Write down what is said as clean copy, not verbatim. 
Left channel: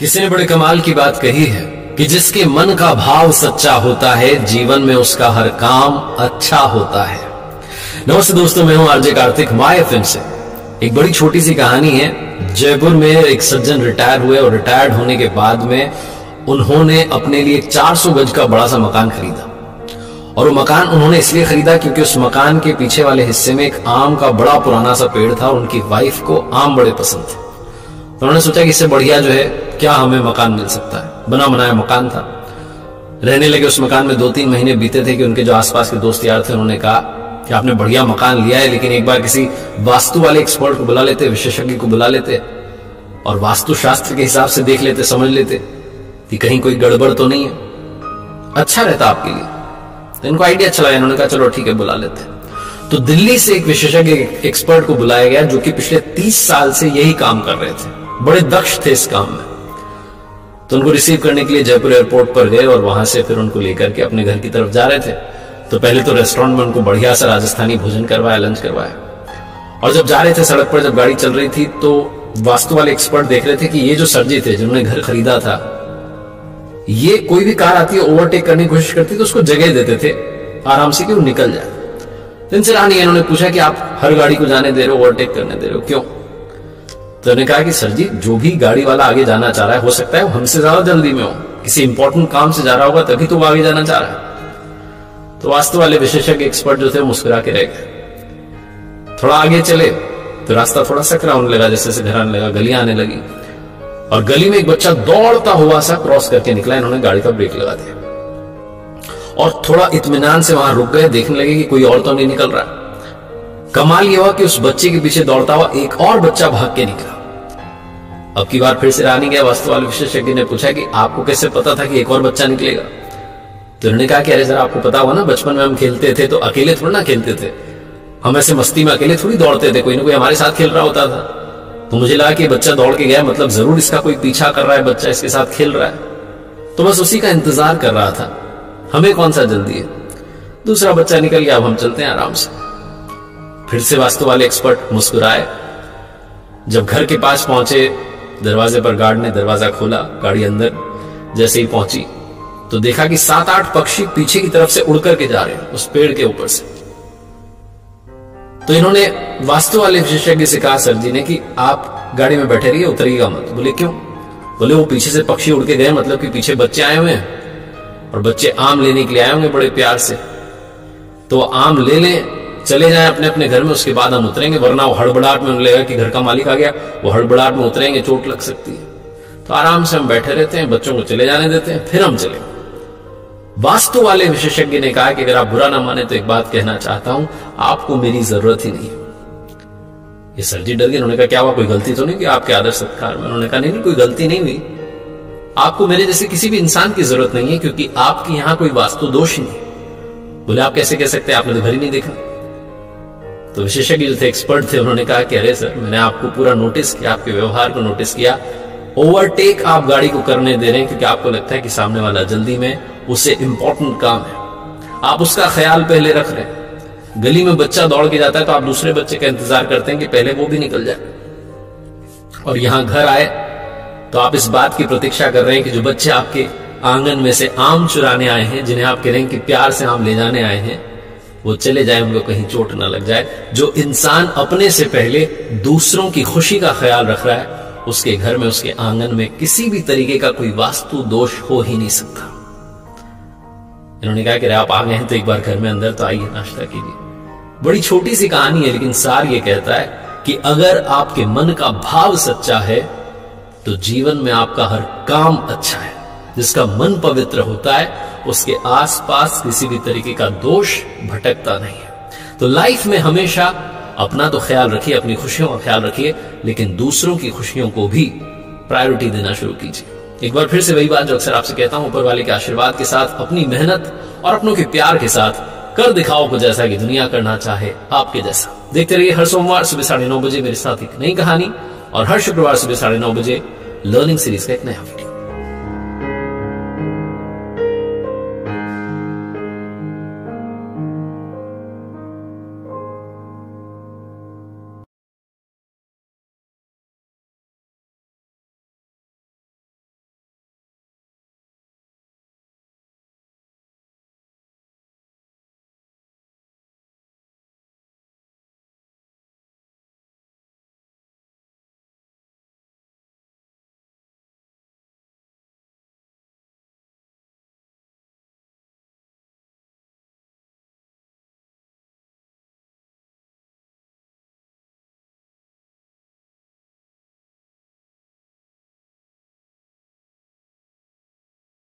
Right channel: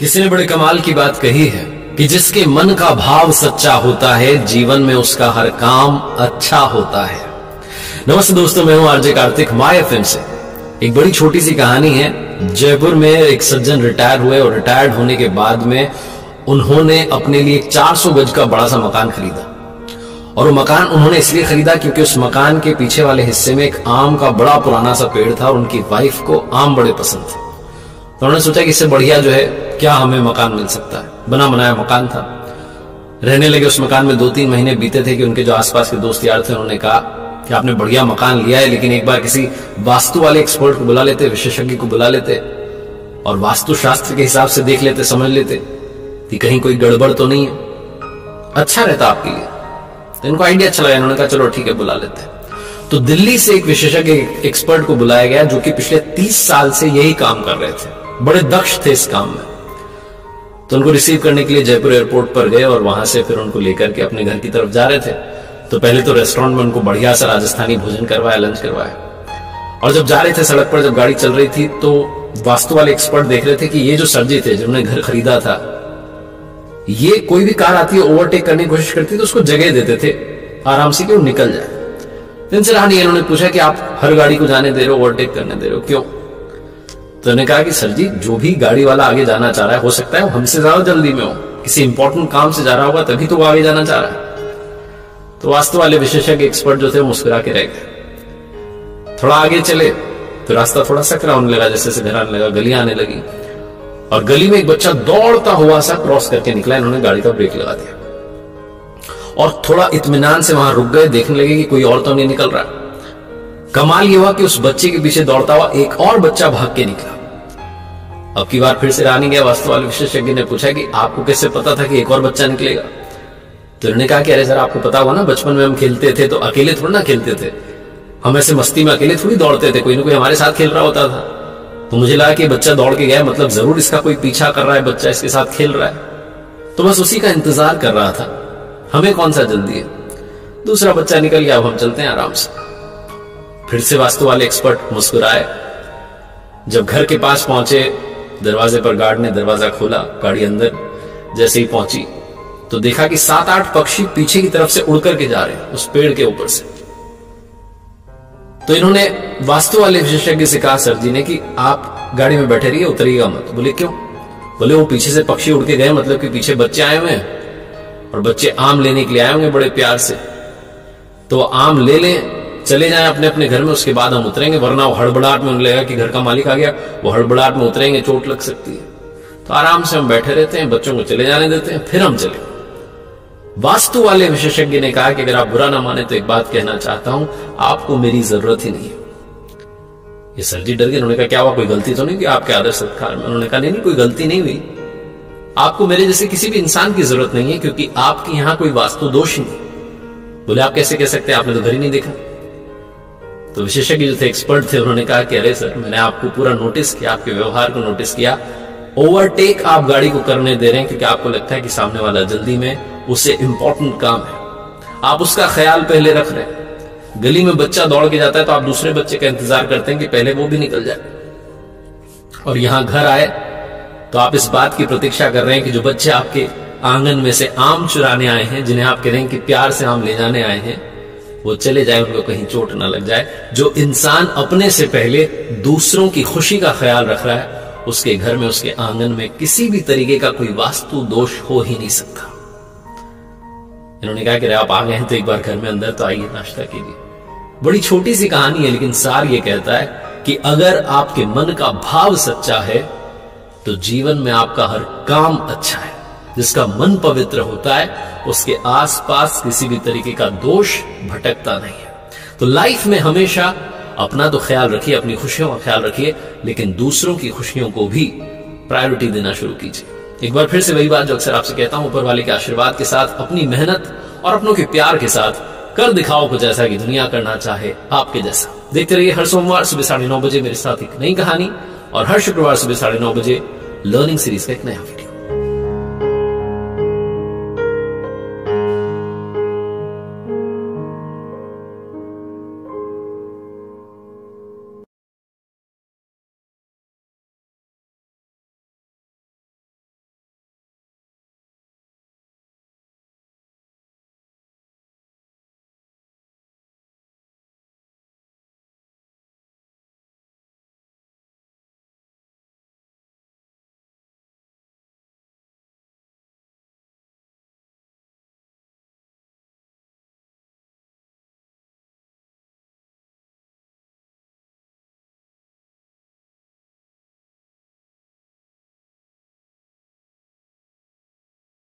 किसी ने बड़े कमाल की बात कही है कि जिसके मन का भाव सच्चा होता है जीवन में उसका हर काम अच्छा होता है। नमस्ते दोस्तों, मैं हूं आरजे कार्तिक माय एफएम से। एक बड़ी छोटी सी कहानी है। जयपुर में एक सज्जन रिटायर हुए और रिटायर्ड होने के बाद में उन्होंने अपने लिए एक 400 गज का बड़ा सा मकान खरीदा। और वो मकान उन्होंने इसलिए खरीदा क्योंकि उस मकान के पीछे वाले हिस्से में एक आम का बड़ा पुराना सा पेड़ था और उनकी वाइफ को आम बड़े पसंद थे। तो उन्होंने सोचा कि इससे बढ़िया जो है क्या हमें मकान मिल सकता है। बना बनाया मकान था। रहने लगे उस मकान में। 2-3 महीने बीते थे कि उनके जो आसपास के दोस्त यार थे उन्होंने कहा कि आपने बढ़िया मकान लिया है, लेकिन एक बार किसी वास्तु वाले एक्सपर्ट को बुला लेते, विशेषज्ञ को बुला लेते और वास्तु शास्त्र के हिसाब से देख लेते, समझ लेते कि कहीं कोई गड़बड़ तो नहीं है, अच्छा रहता आपके लिए। तो इनको आइडिया अच्छा लगा। इन्होंने कहा चलो ठीक है, बुला लेते हैं। तो दिल्ली से एक विशेषज्ञ एक्सपर्ट को बुलाया गया जो कि पिछले 30 साल से यही काम कर रहे थे, बड़े दक्ष थे इस काम में। तो उनको रिसीव करने के लिए जयपुर एयरपोर्ट पर गए और वहां से फिर उनको लेकर के अपने घर की तरफ जा रहे थे। तो पहले तो रेस्टोरेंट में उनको बढ़िया सा राजस्थानी भोजन करवाया, लंच करवाया। और जब जा रहे थे सड़क पर, जब गाड़ी चल रही थी, तो वास्तु वाले एक्सपर्ट देख रहे थे कि ये जो सर जी थे जिन्होंने घर खरीदा था, ये कोई भी कार आती है ओवरटेक करने की कोशिश करती तो उसको जगह देते थे आराम से कि वो निकल जाए। तो इनसे रहा नहीं। इन्होंने पूछा कि आप हर गाड़ी को जाने दे रहे हो, ओवरटेक करने दे रहे हो, क्यों? तो उन्होंने कहा कि सर जी, जो भी गाड़ी वाला आगे जाना चाह रहा है, हो सकता है वो हमसे ज्यादा जल्दी में हो, किसी इंपॉर्टेंट काम से जा रहा होगा तभी तो वो आगे जाना चाह रहा है। तो वास्तु वाले विशेषज्ञ एक्सपर्ट जो थे वो मुस्कुरा के रह गए। थोड़ा आगे चले तो रास्ता थोड़ा सकरा होने लगा, जैसे से घर आने लगा, गलियां आने लगी और गली में एक बच्चा दौड़ता हुआ सा क्रॉस करके निकला। इन्होंने गाड़ी का ब्रेक लगा दिया और थोड़ा इत्मीनान से वहां रुक गए, देखने लगे कि कोई और तो नहीं निकल रहा। कमाल ये हुआ कि उस बच्चे के पीछे दौड़ता हुआ एक और बच्चा भाग के निकला। अब की बार फिर से रहा नहीं गया। वास्तु वाले विशेषज्ञ ने पूछा कि आपको कैसे पता था कि एक और बच्चा निकलेगा? तो उन्होंने कहा कि अरे सर, आपको पता हुआ ना, बचपन में हम खेलते थे तो अकेले थोड़ा ना खेलते थे, हम ऐसे मस्ती में अकेले थोड़ी दौड़ते थे, कोई ना कोई हमारे साथ खेल रहा होता था। तो मुझे लगा कि बच्चा दौड़ के गया, मतलब जरूर इसका कोई पीछा कर रहा है, बच्चा इसके साथ खेल रहा है। तो बस उसी का इंतजार कर रहा था, हमें कौन सा जल्दी है। दूसरा बच्चा निकल गया, अब हम चलते हैं आराम से। फिर से वास्तु वाले एक्सपर्ट मुस्कुराए। जब घर के पास पहुंचे, दरवाजे पर गार्ड ने दरवाजा खोला, गाड़ी अंदर जैसे ही पहुंची तो देखा कि 7-8 पक्षी पीछे की तरफ से उड़ करके जा रहे हैं उस पेड़ के ऊपर से। तो इन्होंने वास्तु वाले विशेषज्ञ से कहा सर जी ने कि आप गाड़ी में बैठे रहिए, उतरिएगा मत। बोले क्यों? बोले वो पीछे से पक्षी उड़ के गए, मतलब कि पीछे बच्चे आए हुए हैं और बच्चे आम लेने के लिए आए होंगे बड़े प्यार से, तो आम ले लें, चले जाएं अपने अपने घर में, उसके बाद हम उतरेंगे, वरना वो हड़बड़ाहट में उन्हें लगेगा कि घर का मालिक आ गया, वो हड़बड़ाहट में उतरेंगे, चोट लग सकती है। तो आराम से हम बैठे रहते हैं, बच्चों को चले जाने देते हैं, फिर हम चले। वास्तु वाले विशेषज्ञ ने कहा कि अगर आप बुरा ना माने तो एक बात कहना चाहता हूं, आपको मेरी जरूरत ही नहीं है। ये सर जी डर गए। उन्होंने कहा क्या हुआ, कोई गलती तो नहीं की आपके आदर सत्कार में? उन्होंने कहा नहीं, कोई गलती नहीं हुई। आपको मेरे जैसे किसी भी इंसान की जरूरत नहीं है, क्योंकि आपके यहां कोई वास्तु दोष ही नहीं। बोले आप कैसे कह सकते हैं, आपने तो घर ही नहीं देखा। तो विशेषज्ञ जो थे, एक्सपर्ट थे, उन्होंने कहा कि अरे सर, मैंने आपको पूरा नोटिस किया, आपके व्यवहार को नोटिस किया। ओवरटेक आप गाड़ी को करने दे रहे हैं क्योंकि आपको लगता है कि सामने वाला जल्दी में, उसे इंपॉर्टेंट काम है, आप उसका ख्याल पहले रख रहे हैं। गली में बच्चा दौड़ के जाता है तो आप दूसरे बच्चे का इंतजार करते हैं कि पहले वो भी निकल जाए। और यहां घर आए तो आप इस बात की प्रतीक्षा कर रहे हैं कि जो बच्चे आपके आंगन में से आम चुराने आए हैं, जिन्हें आप कह रहे हैं कि प्यार से आम ले जाने आए हैं, वो चले जाए, उनको कहीं चोट ना लग जाए। जो इंसान अपने से पहले दूसरों की खुशी का ख्याल रख रहा है, उसके घर में, उसके आंगन में किसी भी तरीके का कोई वास्तु दोष हो ही नहीं सकता। इन्होंने कहा कि आप आ गए हैं तो एक बार घर में अंदर तो आइए, नाश्ता कीजिए। बड़ी छोटी सी कहानी है, लेकिन सार ये कहता है कि अगर आपके मन का भाव सच्चा है तो जीवन में आपका हर काम अच्छा है। जिसका मन पवित्र होता है उसके आसपास किसी भी तरीके का दोष भटकता नहीं है। तो लाइफ में हमेशा अपना तो ख्याल रखिए, अपनी खुशियों का ख्याल रखिए, लेकिन दूसरों की खुशियों को भी प्रायोरिटी देना शुरू कीजिए। एक बार फिर से वही बात जो अक्सर आपसे कहता हूं, ऊपर वाले के आशीर्वाद के साथ, अपनी मेहनत और अपनों के प्यार के साथ कर दिखाओ कुछ ऐसा कि दुनिया करना चाहे आपके जैसा। देखते रहिए हर सोमवार सुबह 9:30 बजे मेरे साथ एक नई कहानी और हर शुक्रवार सुबह 9:30 बजे लर्निंग सीरीज का एक नया वीडियो।